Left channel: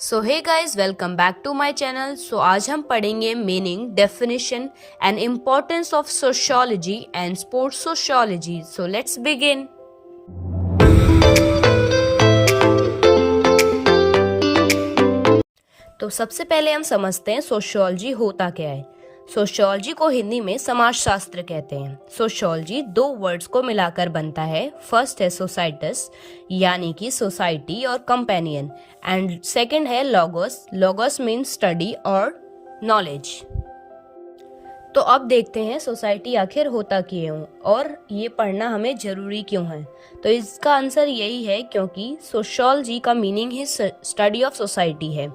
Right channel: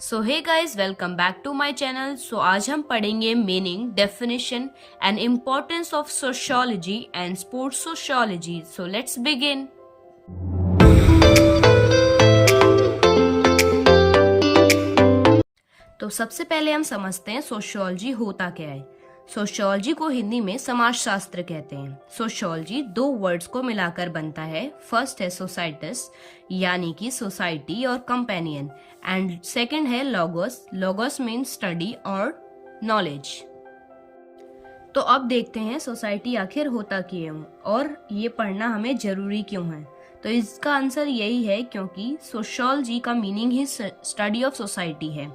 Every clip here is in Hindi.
So hey guys, welcome back to my channel. आज हम पढ़ेंगे meaning, definition and importance of sociology and sports sociology. So let's begin. तो सबसे पहले हम समझते हैं सोशियोलॉजी होता क्या है। सोशियोलॉजी को हिंदी में समाजशास्त्र कहते हैं। सोशियोलॉजी दो वर्ड्स को मिलाकर बनता है। फर्स्ट है सोसाइटस यानी कि सोसाइटी और कंपेनियन, एंड सेकंड है लोगोस। लोगोस मीन्स स्टडी और नॉलेज। तो अब देखते हैं सोसाइटी आखिर होता क्यों और ये पढ़ना हमें जरूरी क्यों है। तो इसका आंसर यही है क्योंकि सोशियोलॉजी का meaning he study of society है,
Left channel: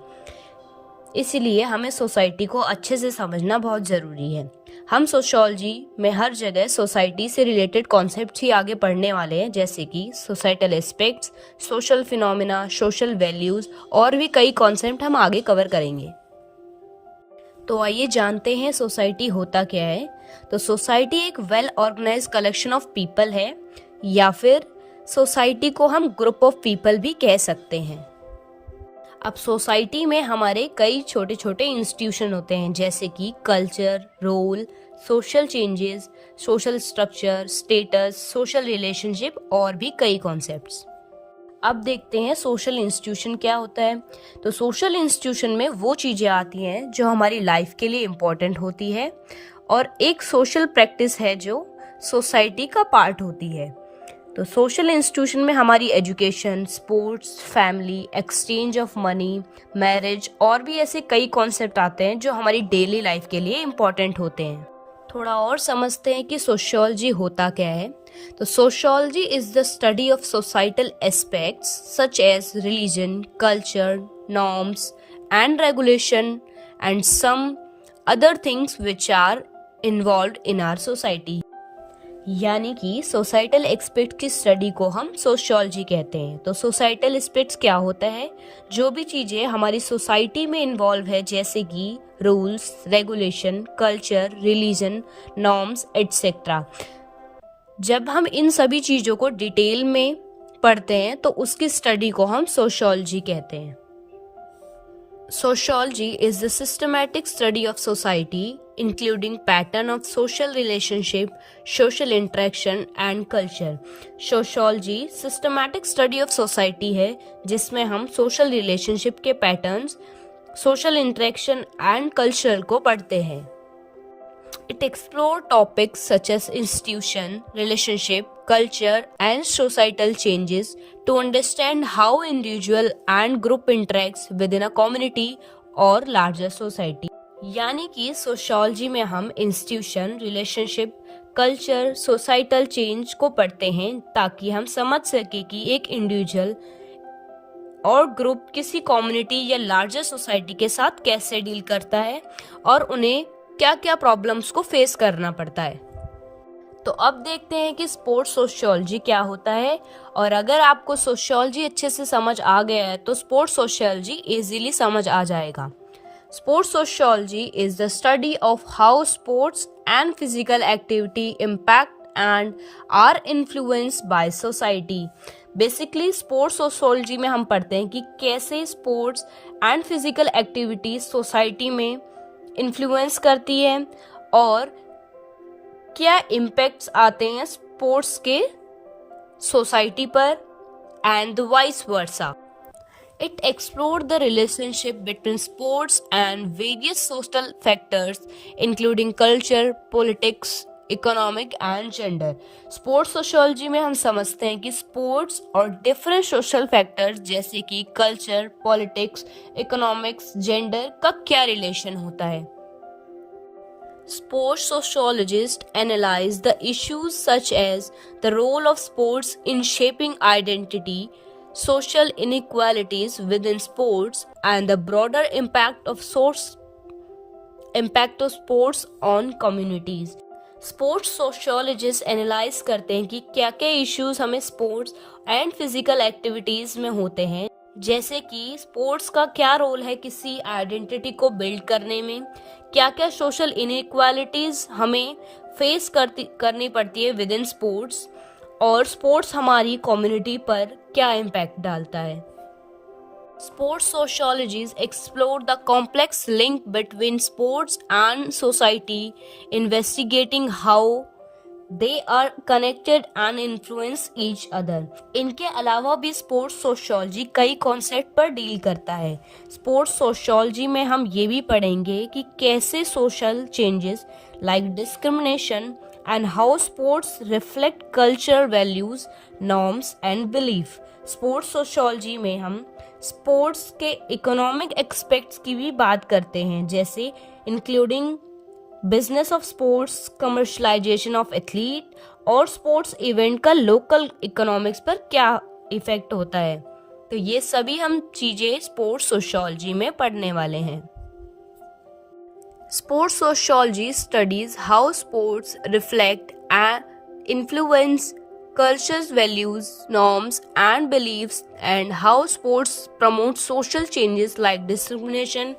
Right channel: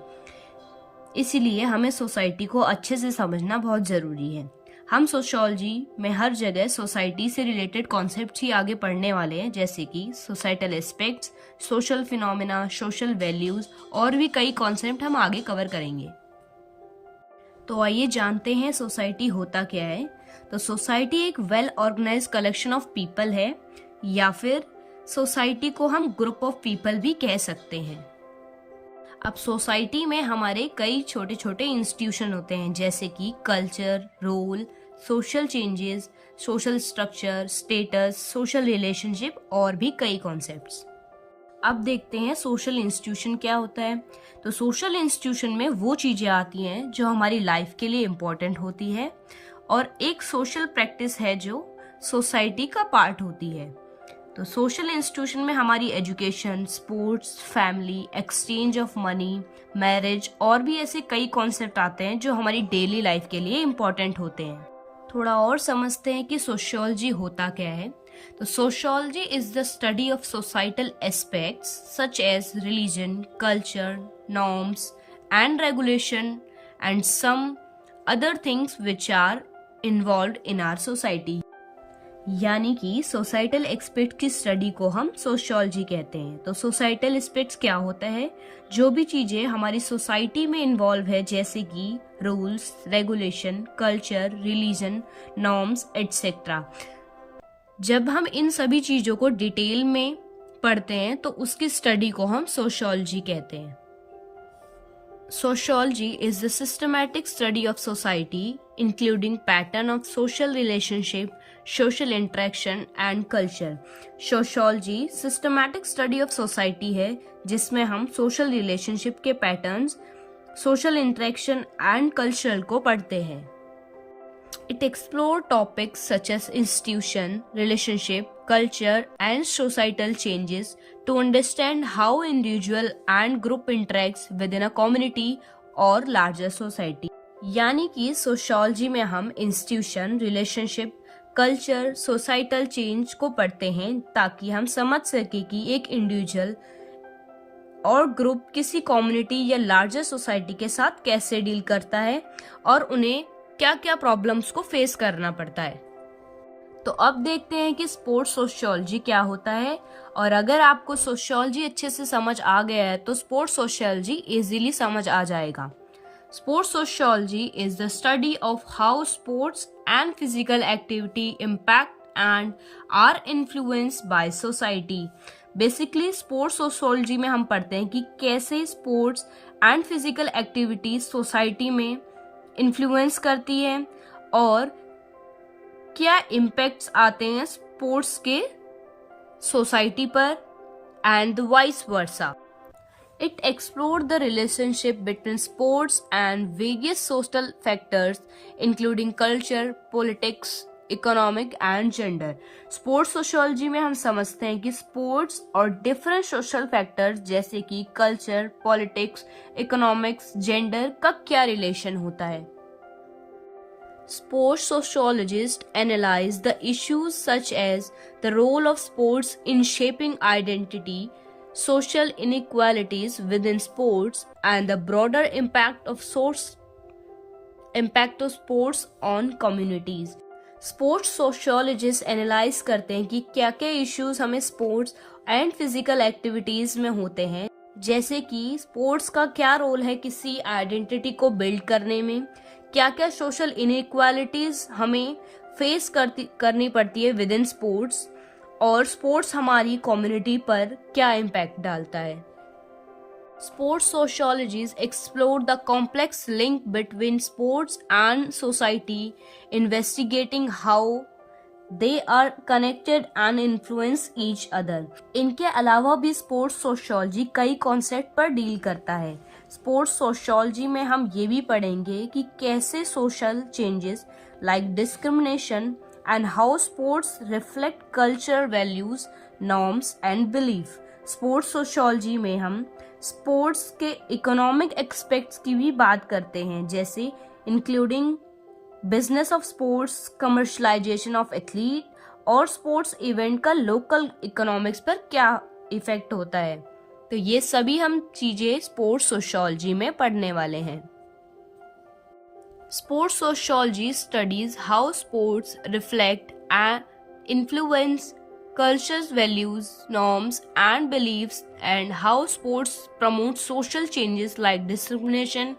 इसीलिए हमें सोसाइटी को अच्छे से समझना बहुत ज़रूरी है। हम सोशियोलॉजी में हर जगह सोसाइटी से रिलेटेड कॉन्सेप्ट्स ही आगे पढ़ने वाले हैं, जैसे कि societal aspects, social phenomena, social values और भी कई कॉन्सेप्ट हम आगे कवर करेंगे। तो आइए जानते हैं सोसाइटी होता क्या है। तो सोसाइटी एक well organised collection of people है, या फिर सोसाइटी को हम ग्रुप ऑफ पीपल भी कह सकते हैं। अब सोसाइटी में हमारे कई छोटे छोटे इंस्टीट्यूशन होते हैं, जैसे कि culture, role, social changes, social structure, status, social relationship और भी कई कॉन्सेप्ट्स। अब देखते हैं सोशल इंस्टीट्यूशन क्या होता है। तो सोशल इंस्टीट्यूशन में वो चीजें आती हैं जो हमारी लाइफ के लिए इम्पोर्टेंट होती है, और एक सोशल प्रैक्टिस है जो सोसाइटी का पार्ट होती है। तो सोशल इंस्टीट्यूशन में हमारी education, sports, family, exchange of money, marriage और भी ऐसे कई कॉन्सेप्ट आते हैं जो हमारी डेली लाइफ के लिए इम्पोर्टेंट होते हैं। थोड़ा और समझते हैं कि सोशियोलॉजी होता क्या है। तो sociology is the study of societal aspects such as religion, culture, norms and regulation and some other things which are involved in our society. यानी कि सोसाइटल एस्पेक्ट की स्टडी को हम सोशियोलॉजी कहते हैं। तो सोसाइटल एस्पेक्ट्स क्या होता है? जो भी चीजें हमारी सोसाइटी में इन्वॉल्व है, जैसे कि rules, regulation, culture, religion, norms etcetera. जब हम इन सभी चीजों को डिटेल में पढ़ते हैं तो उसकी स्टडी को हम सोशियोलॉजी कहते हैं। Sociology is the systematic study of society, including pattern of social relationship, social interaction and culture. Sociology systematic study of society है, जिसमें हम social relationship के patterns, social interaction and culture को पढ़ते हैं। It explores topics such as institution, relationship, culture and societal changes to understand how individual and group interacts within a community or larger society. यानी कि सोशियोलॉजी में हम institution, relationship, culture, societal change को पढ़ते हैं ताकि हम समझ सके कि एक इंडिविजुअल और ग्रुप किसी कम्युनिटी या लार्जर सोसाइटी के साथ कैसे डील करता है और उन्हें क्या क्या प्रॉब्लम्स को फेस करना पड़ता है। तो अब देखते हैं कि स्पोर्ट्स सोशियोलॉजी क्या होता है, और अगर आपको सोशियोलॉजी अच्छे से समझ आ गया है तो स्पोर्ट्स सोशियोलॉजी इजीली समझ आ जाएगा। Sports sociology is the study of how sports and physical activity impact and are influence by society. Basically sports sociology में हम पढ़ते हैं कि कैसे sports and physical activity society में इन्फ्लुएंस करती है और क्या इम्पैक्ट्स आते हैं स्पोर्ट्स के सोसाइटी पर, and vice versa. It explore the relationship between sports and various social factors including culture, politics, economic and gender. Sports sociology में हम समझते हैं कि स्पोर्ट्स और डिफरेंट सोशल फैक्टर्स जैसे कि कल्चर, पॉलिटिक्स, इकोनॉमिक्स, जेंडर का क्या रिलेशन होता है। Sports sociologists analyze the issues such as the role of sports in shaping identity, social inequalities within sports, and the broader impact of sports on communities. Sports sociologist analyse करते हैं कि क्या क्या इश्यूज हमें स्पोर्ट्स एंड फिजिकल एक्टिविटीज में होते हैं, जैसे कि स्पोर्ट्स का क्या रोल है किसी आइडेंटिटी को बिल्ड करने में, क्या क्या सोशल इनइक्वालिटीज हमें फेस करनी पड़ती है विद इन स्पोर्ट्स, और स्पोर्ट्स हमारी कम्युनिटी पर क्या इम्पैक्ट डालता है। Sports sociologists explore the complex link between sports and society, investigating how they are connected and influence each other. इनके अलावा भी स्पोर्ट्स सोशियोलॉजी कई कॉन्सेप्ट पर डील करता है. स्पोर्ट्स सोशियोलॉजी में हम ये भी पढ़ेंगे कि कैसे social changes like discrimination and how sports reflect culture values, norms and belief. Sports sociology में हम स्पोर्ट्स के इकोनॉमिक एस्पेक्ट्स की भी बात करते हैं, जैसे including business of sports, commercialisation of athlete और स्पोर्ट्स इवेंट का लोकल इकोनॉमिक्स पर क्या इफेक्ट होता है. तो ये सभी हम चीजें स्पोर्ट्स सोशियोलॉजी में पढ़ने वाले हैं. Sports sociology studies how sports reflect and influence culture's values, norms, and beliefs, and how sports promote social changes like discrimination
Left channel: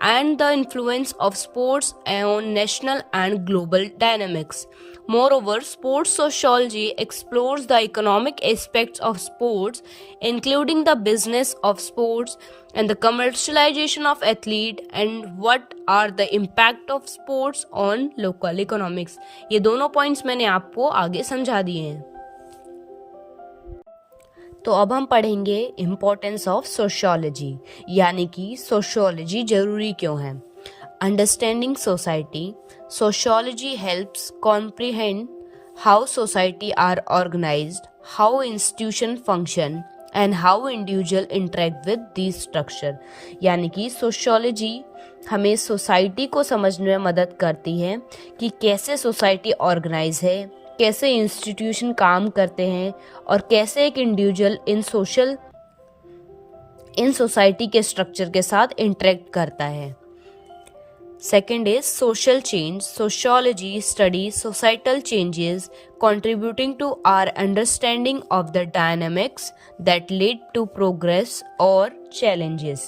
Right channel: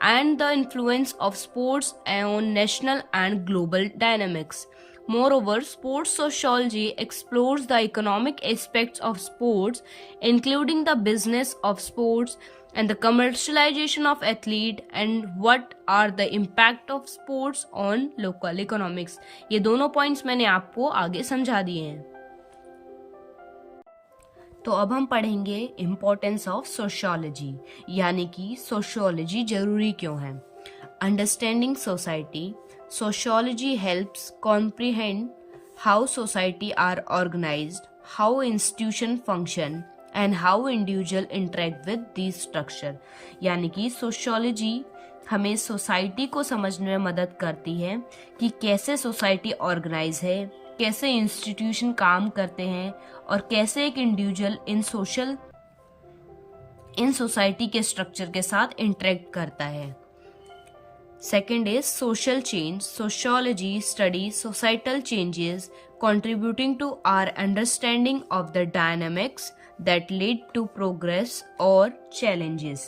and the influence of sports on national and global dynamics. Moreover, sports sociology explores the economic aspects of sports, including the business of sports and the commercialization of athlete and what are the impact of sports on local economics. ये दोनों पॉइंट्स मैंने आपको आगे समझा दिए हैं. तो अब हम पढ़ेंगे इम्पोर्टेंस ऑफ सोशियोलॉजी, यानी कि सोशियोलॉजी जरूरी क्यों है. Understanding society. Sociology helps comprehend how society are organized, how institutions function, and how individuals interact with these structure. यानी कि सोशियोलॉजी हमें सोसाइटी को समझने में मदद करती है कि कैसे सोसाइटी ऑर्गेनाइज है, कैसे इंस्टीट्यूशन काम करते हैं और कैसे एक इंडिविजुअल इन सोसाइटी के स्ट्रक्चर के साथ इंटरेक्ट करता है. Second is social change. Sociology studies societal changes contributing to our understanding of the dynamics that lead to progress or challenges.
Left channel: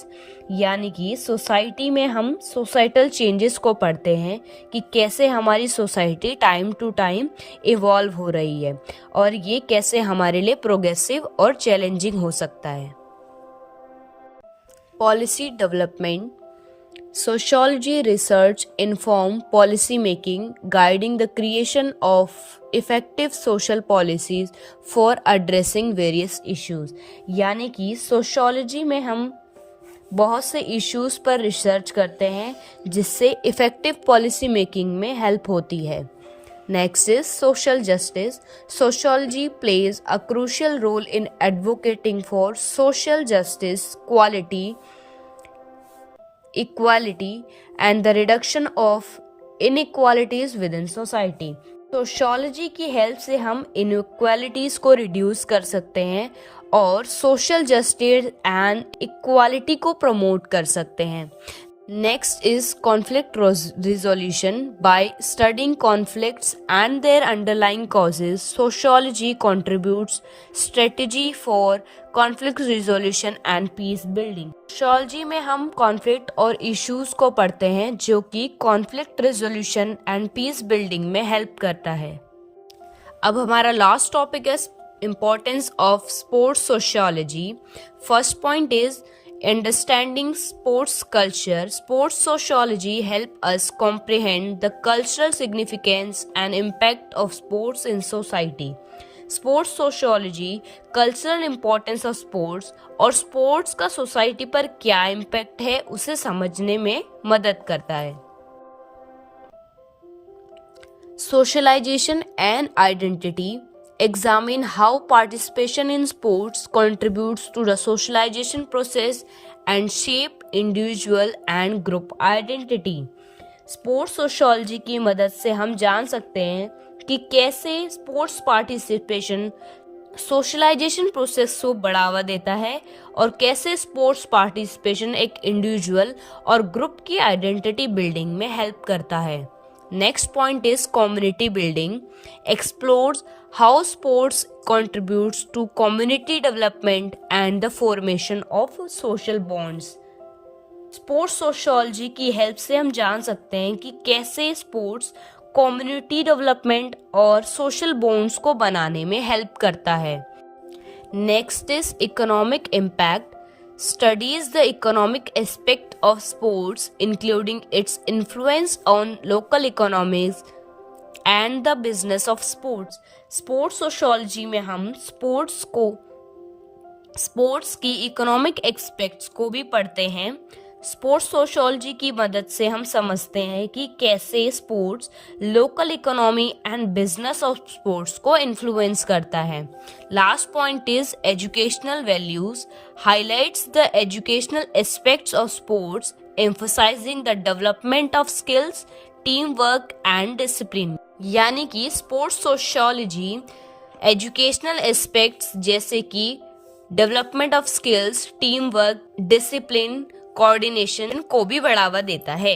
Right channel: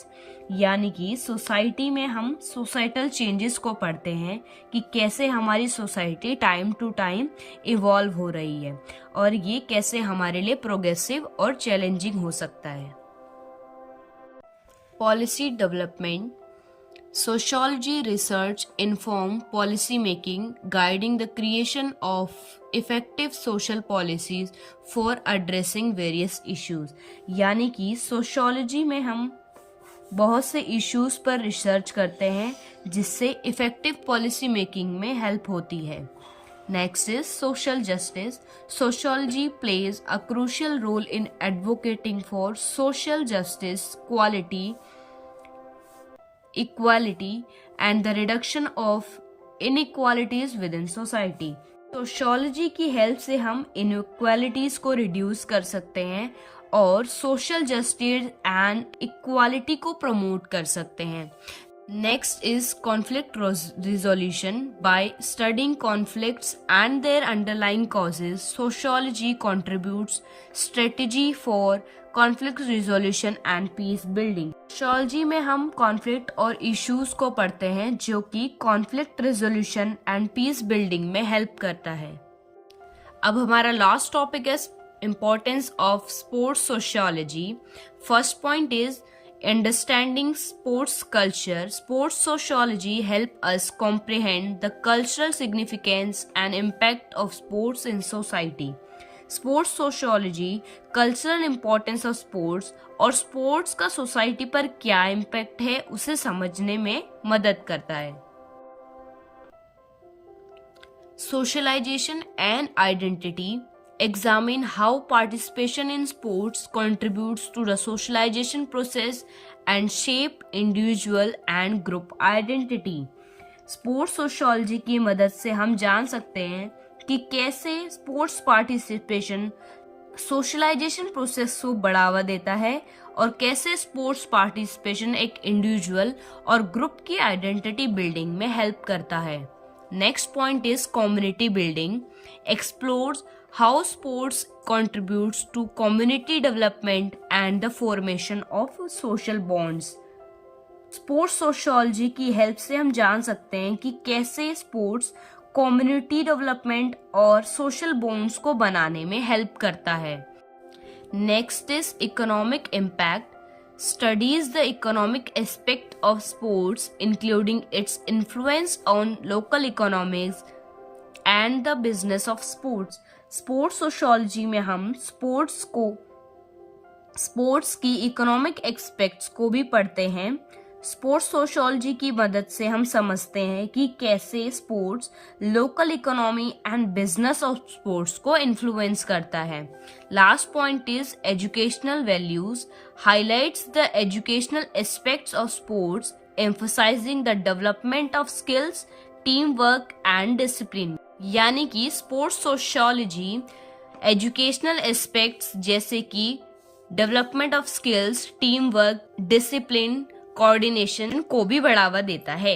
यानी कि सोसाइटी में हम सोसाइटल चेंजेस को पढ़ते हैं कि कैसे हमारी society time to time evolve हो रही है और ये कैसे हमारे लिए प्रोग्रेसिव और चैलेंजिंग हो सकता है. Policy development. Sociology research inform policy making, guiding the creation of effective social policies for addressing various issues. यानी कि सोशियोलॉजी में हम बहुत से इश्यूज पर रिसर्च करते हैं जिससे इफेक्टिव पॉलिसी मेकिंग में हेल्प होती है. Next is social justice. Sociology plays a crucial role in advocating for social justice, equality and the reduction of inequalities within society. Sociology की हेल्प से हम इनइक्वालिटीज को रिड्यूस कर सकते हैं और सोशल जस्टिस एंड इक्वालिटी को प्रमोट कर सकते हैं. Next is conflict resolution. By studying conflicts and their underlying causes, sociology contributes strategy for conflict resolution and peace building. Sociology में हम कॉन्फ्लिक्ट और इश्यूज को पढ़ते हैं जो कि conflict resolution and peace building में हेल्प करता है. अब हमारा लास्ट टॉपिक है importance of sports sociology. First point is understanding sports culture. Sports sociology help us comprehend the cultural significance and impact of sports in society. Sports sociology cultural importance of sports और sports का society पर क्या impact है उसे समझने में मदद करता है. Socialization and identity. Examine how participation in sports contributes to the socialization process and shape individual and group identity. Sports sociology की मदद से हम जान सकते हैं कि कैसे स्पोर्ट्स पार्टिसिपेशन सोशलाइजेशन प्रोसेस को बढ़ावा देता है और कैसे स्पोर्ट्स पार्टिसिपेशन एक इंडिविजुअल और ग्रुप की आइडेंटिटी बिल्डिंग में हेल्प करता है. Next point is community building. Explores how sports contributes to community development and the formation of social bonds. Sports sociology की हेल्प से हम जान सकते हैं कि कैसे स्पोर्ट्स कम्युनिटी डेवलपमेंट और सोशल बॉन्ड्स को बनाने में हेल्प करता है. Next is economic impact. studies the economic aspect of sports, including its influence on local economies and the business of sports. Sports sociology में हम स्पोर्ट्स की इकोनॉमिक एस्पेक्ट्स को भी पढ़ते हैं। स्पोर्ट्स सोशियोलॉजी की मदद से हम समझते हैं कि कैसे sports local economy and business of sports को इन्फ्लुएंस करता है। Last point is educational values highlights the educational aspects of sports emphasising the development of skills, team work and discipline. यानी कि स्पोर्ट्स सोशियोलॉजी एजुकेशनल एस्पेक्ट्स जैसे कि development of skills, team work, discipline, coordination को भी बढ़ावा देता है।